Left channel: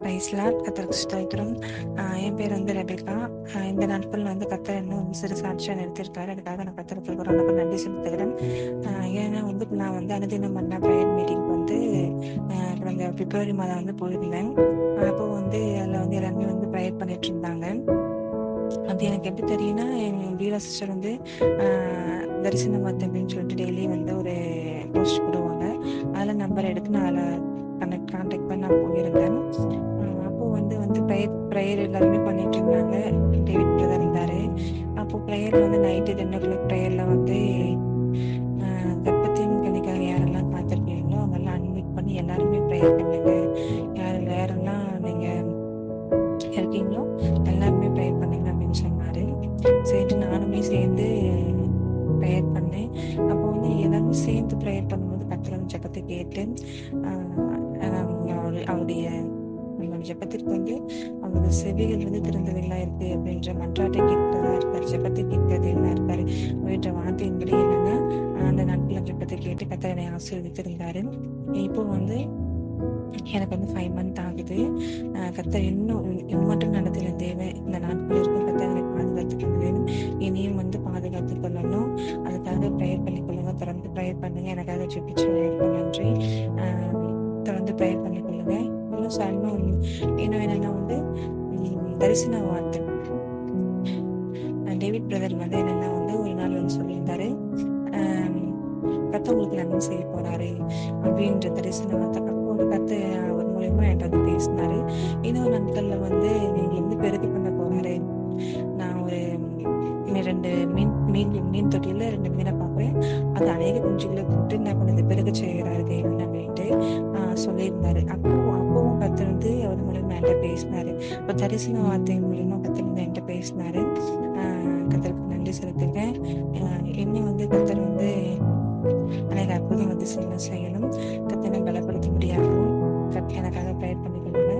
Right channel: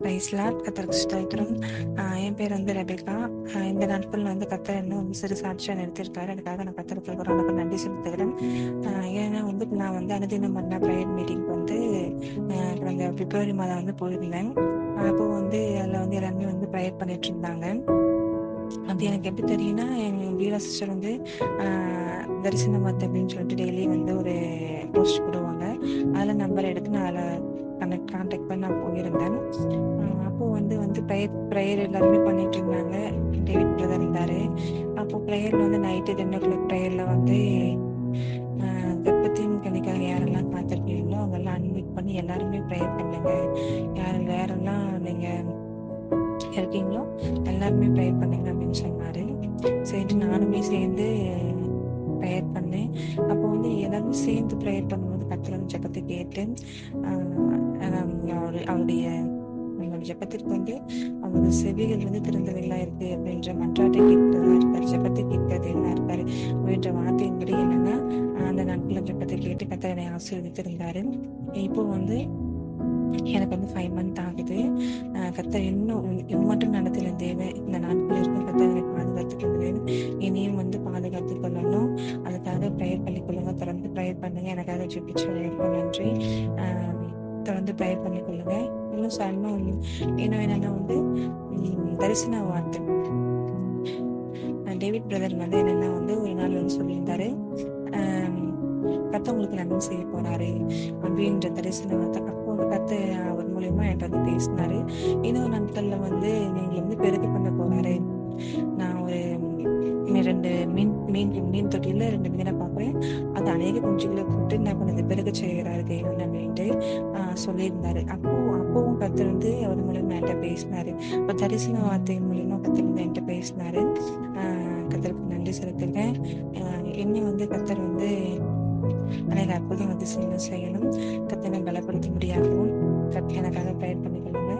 பிரைஸ்லாட் கர்த்தருக்கு ஸ்தோத்திரம். என் பேர் வந்து ரெபேக்கா. இந்த நாட்களில் வந்து கர்த்தர் என்ன வந்து சிறு சாட்சியாக நிறுத்தியிருக்காரு. அதுக்காக நான் கர்த்தருக்கு ரொம்ப நன்றி செலுத்துகிறேன். ஏன்னா வந்து நான் வந்து அனுதினம் பண்ண ப்ரேயர் மீட்டிங்க்கு வந்து கடந்த பிப்ரவரி மாதம் வந்து போயிருந்தேன். அப்போ வந்து அதில் வந்து எல்லாருமே வந்து ப்ரேயர் பண்ணிட்டு இருந்தாங்க. அது எனக்கு எப்படி தெரியும்னா, எங்கள் வீரா சிஸ்டர் வந்து தரிசன வார்த்தை அப்படின்னு சொல்லிட்டு டெய்லி வந்து ஒரு போஸ்ட் போடுவாங்க. அதில் நம்பர் எடுத்து நான் அதில் கான்டாக்ட் பண்ணி நான் போயிருந்தேன். அப்போது வந்து ப்ரேயர் எல்லாருமே பண்ணிட்டு இருந்தாங்க. டேவிட் பிரதர் இருந்தார். அப்போது ப்ரேயரில் வந்து நைட்டு 10 o'clock ப்ரேயரில் வந்து கர்ப்பத்தையும் கணிக்காக யாரெல்லாம் பார்த்துருக்கீங்களோ அவங்கெல்லாம் அன்மியூட் பண்ணி எல்லாருமே ப்ரேயர் பண்ணுங்க. யாரெல்லாம் நீங்கள் இருக்கீங்களோ எல்லாருமே ப்ரேயர் பண்ணுங்க அப்படின்னு சொன்னார். சரின்ட்டு நானுமே சேர்ந்து ப்ரேயர் பண்ணேன். அப்போ வந்து எல்லாருமே சேர்ந்து ப்ரேயர் பண்ணும்போது கர்த்தர் வந்து ஜெபத்தை கேட்டு அவருடைய நம்மளோட ஜெபத்திற்கு வந்து அவரோட செவிகள் வந்து திறந்தவைகளா இருக்கு அப்படின்ற மன்றாட்டை கேட்கிறதா இருக்காரு, ஜெபத்தை கேட்கிறதா இருக்காரு அப்படின்ற வார்த்தையின்படி என்னன்னா அந்த நாட்களில் ஜெபத்தை கேட்டு கர்த்தர் என்னை ஆசீர்வதித்திருந்தாரு. இப்போ வந்து எனக்கு வந்து 5 month ஆகுது. கர்த்தர் இன்னும் மட்டும் நடத்தின தேவன் இந்த நாட்கள் இருக்கும் கர்த்தர் என்னை பாதுகாத்துக் கொண்டு வேணும், இனியும் வந்து பாதுகாத்துக் கொள்ளணும். அதுக்காக ப்ரேயர் பண்ணிக்கொள்ளுங்க, தொடர்ந்து ப்ரேயர் பண்ணுங்க. எனக்காக ஜெபிச்சு ரொம்ப நன்றி. தொடர்ந்து ப்ரேயர் பண்ணிக்கொள்ளுங்க. இன்னும் என்னன்னா வந்து தரிசன வார்த்தை டேவிட் பிரதர் வந்து என்னன்னா வந்து ஒரு நாள் வந்து சொல்லியிருந்தாரு, கர்த்தர் உங்களுக்கு நன்மை செய்ய போறாரு அப்படின்ற தரிசன வார்த்தை. அப்போ வந்து கர்த்தர் அவர் மூலியமா என்கிட்ட வந்து பேசினாரு. இன்னொரு நாட்கள்ல வந்து நீங்க வந்து பெருக பண்ண போறாரு. நான் ஒரு 2 மீன் தொட்டியில 2 மீனை பார்க்குறேன். அது அநேக குஞ்சுகளை போட்டு நான் கொஞ்சம் பெருக செய்கிறாரு தேவன் அப்படின்ட்டு சொல்லியிருந்தாரு. அப்பவும் கர்த்தர் வந்து அவர் மூலியமா என்கிட்ட பேசினாரு. இப்போ தரிசன வார்த்தை மூலியமா கர்த்தர் வந்து என்கிட்ட பேசினாரு. கர்த்தருக்கு நன்றி செலுத்துகிறேன். இன்னும் வந்து கர்த்தர் வந்து அநேக அற்புதம் அதிசயங்கள் செய்யணும். கர்த்தரை பலப்படுத்த முடியாகவும் எனக்காக ப்ரேயர் பண்ணிக்கொள்ளுங்க.